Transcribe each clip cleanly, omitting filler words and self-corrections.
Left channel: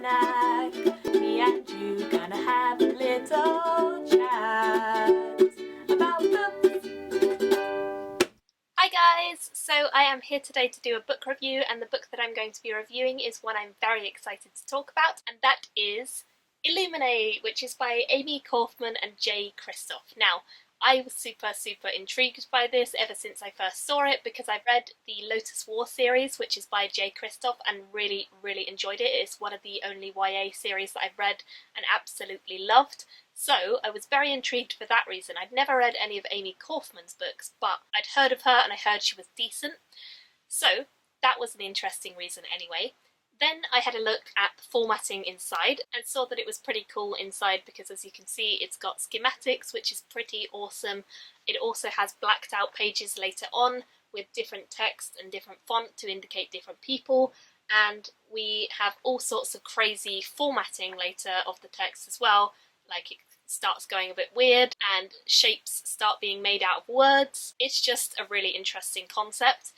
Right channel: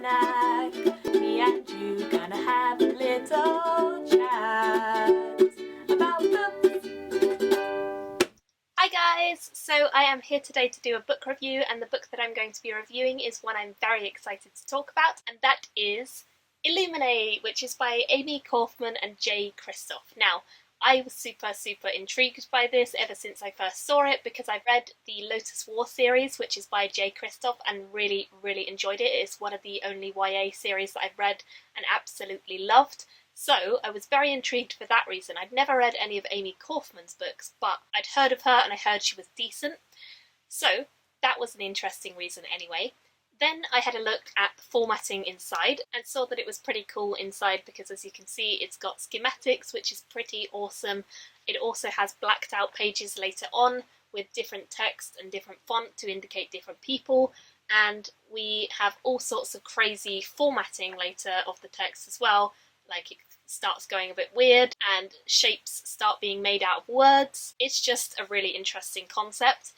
snack. Me and you gonna have a little chat about books. Hi guys! So I am here today to do a book review, and the book that I'm going to be reviewing is one I'm very excited to talk about, and that is Illuminae, which is by Amie, Kaufman and Kristoff. Now, I was super intrigued by this ever since I first saw it, because I've read the Lotus War series, which is by Kristoff, and really enjoyed it. It's one of the only YA series that I've read and absolutely loved. So I was very intrigued for that reason. I'd never read any of Amie Kaufman's books, but I'd heard of her and I heard she was decent. So that was an interesting reason anyway. Then I had a look at the formatting inside and saw that it was pretty cool inside, because as you can see it's got schematics, which is pretty awesome. It also has blacked out pages later on with different text and different font to indicate different people, and we have all sorts of crazy formatting later of the text as well, like it starts going a bit weird and shapes start being made out of words. It's just a really interesting concept.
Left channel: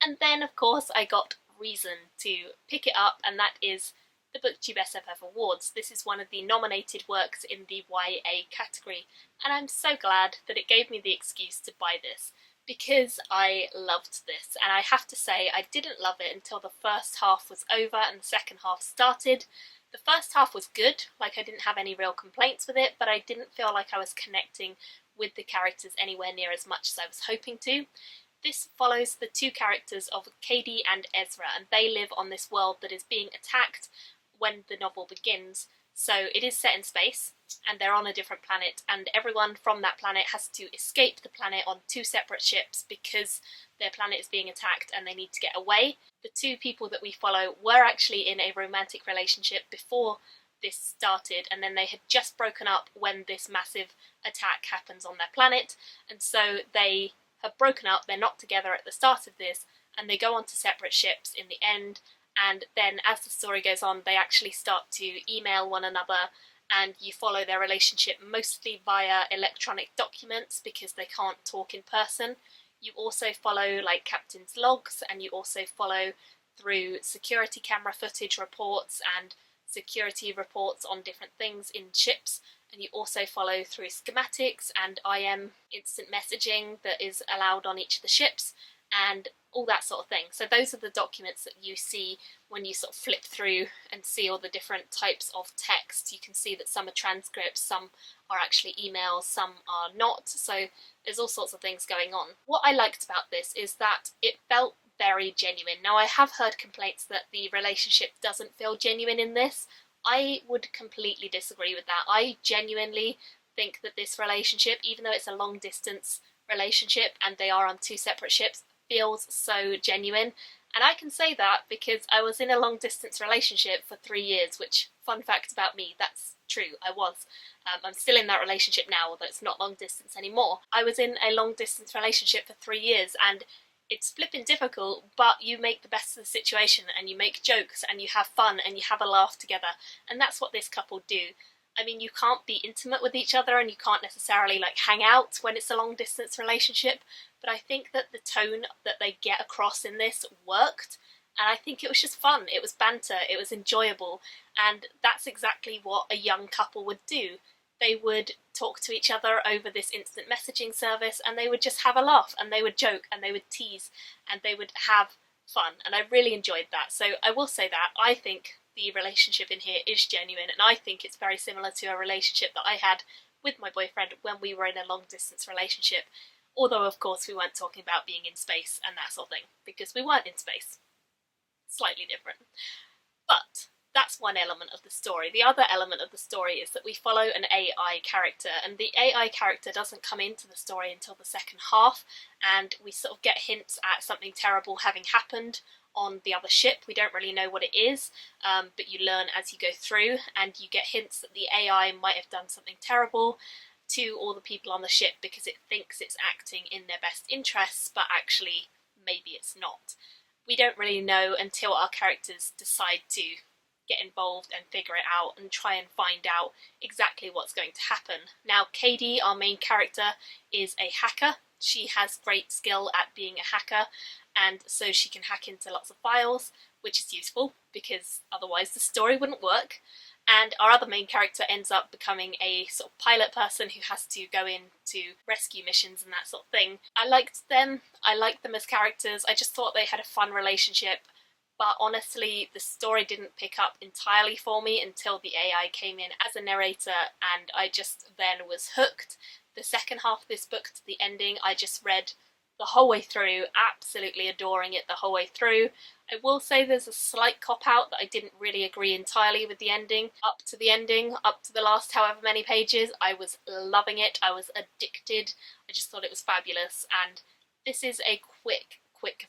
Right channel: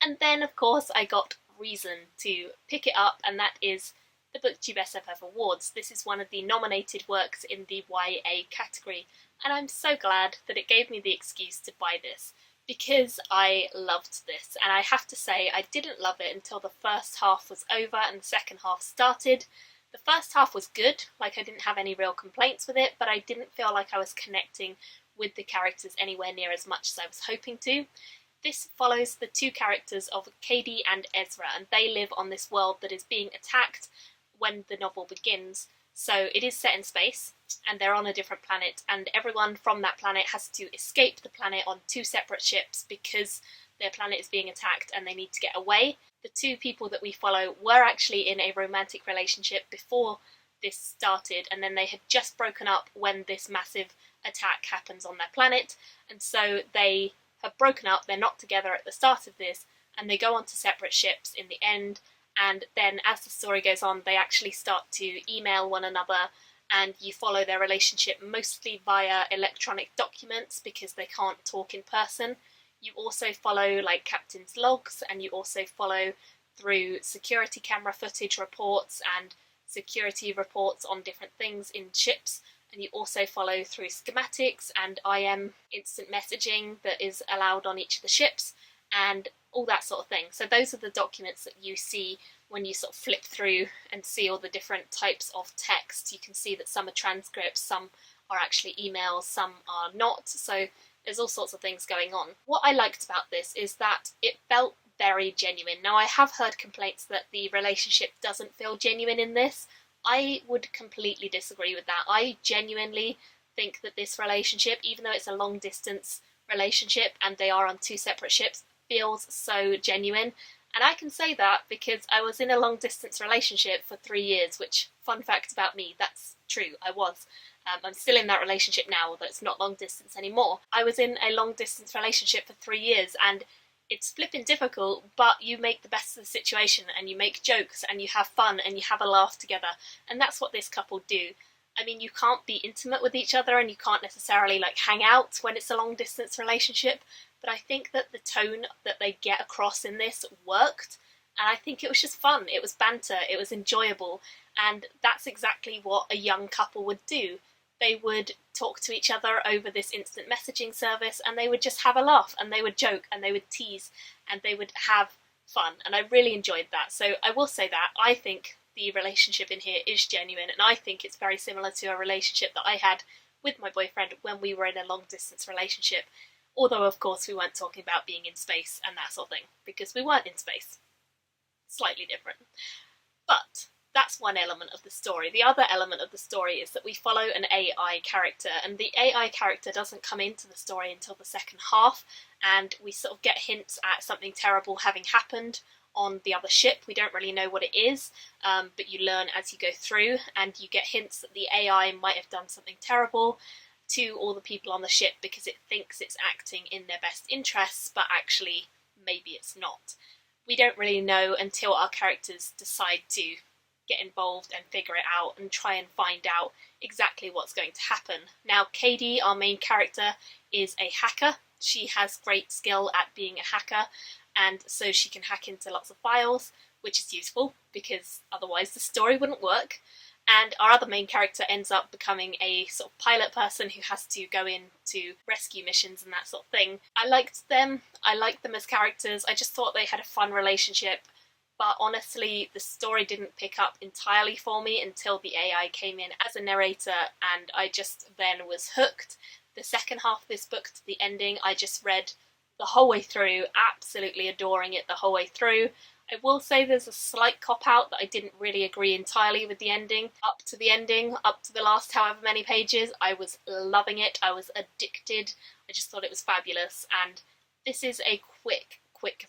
And then of course I got reason to pick it up, and that is the BookTube SFF Awards. This is one of the nominated works in the YA category, and I'm so glad that it gave me the excuse to buy this, because I loved this. And I have to say, I didn't love it until the first half was over and the second half started. The first half was good, like I didn't have any real complaints with it, but I didn't feel like I was connecting with the characters anywhere near as much as I was hoping to. This follows the two characters of Katie and Ezra, and they live on this world that is being attacked when the novel begins. So it is set in space, and they're on a different planet, and everyone from that planet has to escape the planet on two separate ships because their planet is being attacked and they need to get away. The two people that we follow were actually in a romantic relationship before this started, and then they had just broken up when this massive attack happens on their planet, and so they have broken up, they're not together at the start of this, and they go on to separate ships in the end, and then as the story goes on they actually start to email one another, and you follow their relationship mostly via electronic documents because they can't talk in person. You also follow like captain's logs, and you also follow through security camera footage reports and security reports on different things in ships. And you also follow through schematics and IM instant messaging that is allowed on each of the ships and all that sort of thing. So those are the documents that you see when you sort of flip through and see all the different types of text. You can see that some are transcripts, some are actually emails, some are not. So there's all sorts of things going on. What I liked about this is that it felt very genuine. Now I have heard complaints that the relationship doesn't feel genuine in this. I would completely disagree with that. I genuinely think that this relationship, even though it's a long distance relationship and they are on two separate ships, feels so genuine. And I can say that because I was in a long distance relationship for 3 years, which, fun fact about me, that's true, I was. I'm still in that relationship now, although it's not long distance anymore. I was in a long distance relationship for 3 years, and it's flipping difficult, but you make the best of the situation and you make jokes and you have fun and you have a laugh together, and that's what this couple do. I mean, you can't be intimate with each other and you can't necessarily like hang out when it's a long distance relationship, but I think that the tone that they get across in this worked, and I think it was just fun. It was banter, it was enjoyable, and that's exactly what a young couple would do. They would talk to each other over this instant messaging service, and they would just have a laugh, and they would joke, and they would tease, and they would have fun, and I really enjoyed that. So I will say that I think the relationship in here is genuine, and I think it's very similar to a relationship that I had with my boyfriend when we were in a long distance relationship, although of course we weren't talking about being in space and that sort of thing, because we weren't in space. Slightly different. But that's one element of the story. The other element of the story is that we follow an AI character, and the AI character doesn't come into the story until the second half, and we sort of get hints at something terrible having happened on the other ship. We don't really know what it is, but you learn as you go through, and you get hints that the AI might have done something terrible to all the people on the ship because it thinks it's acting in their best interests, but actually maybe it's not. We don't really know until our characters decide to get involved and figure it out and try and find out exactly what's going to happen. Now, Katie, our main character, is a hacker. She has great skill at being a hacker, and so she can hack into lots of files, which is useful because otherwise the story wouldn't work. And our other main character ends up becoming a sort of pilot person who has to go in to rescue missions and that sort of thing. I liked them as characters. I just thought they had a fun relationship, but honestly the story didn't pick up entirely for me until the AI came in as a narrator, and I just then was hooked. The second half of this book to the ending I just read the whole way through, absolutely adoring it the whole way through. I will say there's a slight cop-out that I didn't really agree entirely with the ending. Up to the last however many pages, I was loving it, I was addicted, I just thought it was fabulous. And this is a quick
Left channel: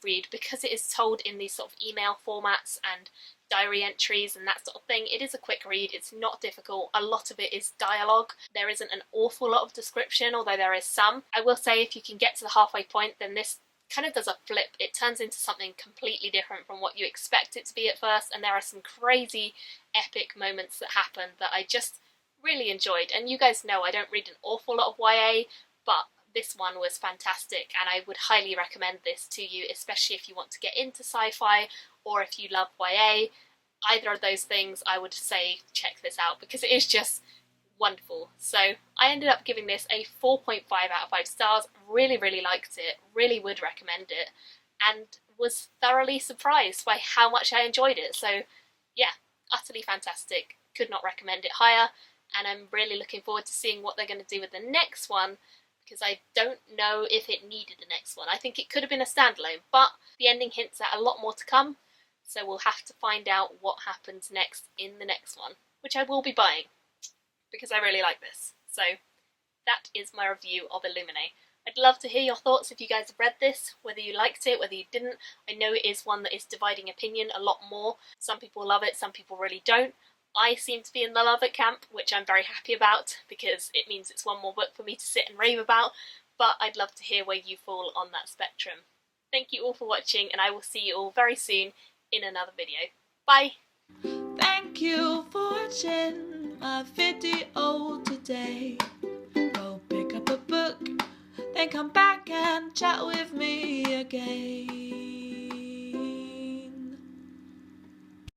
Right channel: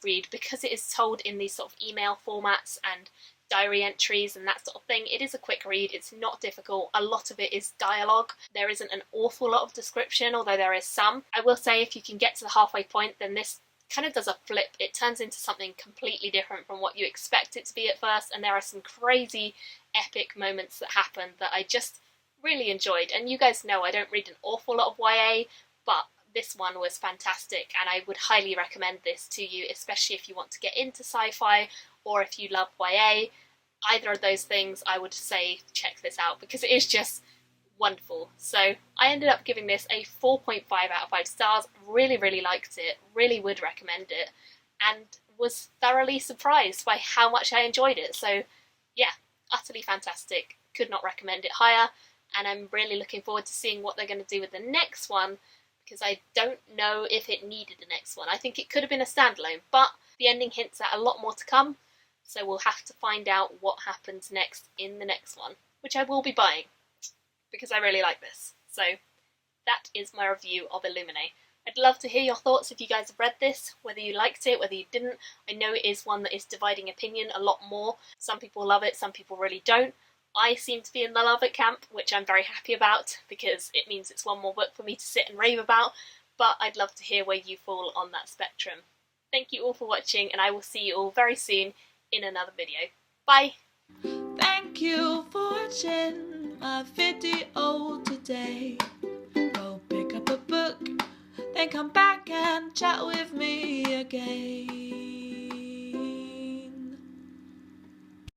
read because it is told in these sort of email formats and diary entries and that sort of thing. It is a quick read, it's not difficult, a lot of it is dialogue. There isn't an awful lot of description, although there is some. I will say if you can get to the halfway point, then this kind of does a flip. It turns into something completely different from what you expect it to be at first, and there are some crazy epic moments that happen that I just really enjoyed. And you guys know I don't read an awful lot of YA, but this one was fantastic and I would highly recommend this to you, especially if you want to get into sci-fi or if you love YA. Either of those things, I would say check this out because it is just wonderful. So I ended up giving this a 4.5 out of 5 stars. Really liked it, really would recommend it, and was thoroughly surprised by how much I enjoyed it. So yeah, utterly fantastic, could not recommend it higher, and I'm really looking forward to seeing what they're going to do with the next one, because I don't know if it needed a next one. I think it could have been a standalone, but the ending hints at a lot more to come, so we'll have to find out what happens next in the next one, which I will be buying because I really like this. So that is my review of Illuminae. I'd love to hear your thoughts if you guys have read this, whether you liked it, whether you didn't. I know it is one that is dividing opinion a lot more. Some people love it, some people really don't. I seem to be in the love it camp, which I'm very happy about because it means it's one more book for me to sit and rave about, but I'd love to hear where you fall on that spectrum. Thank you all for watching, and I will see you all very soon in another video. Bye! Thank you for watching my video today. Go pick up a book, then come back and chat with me again.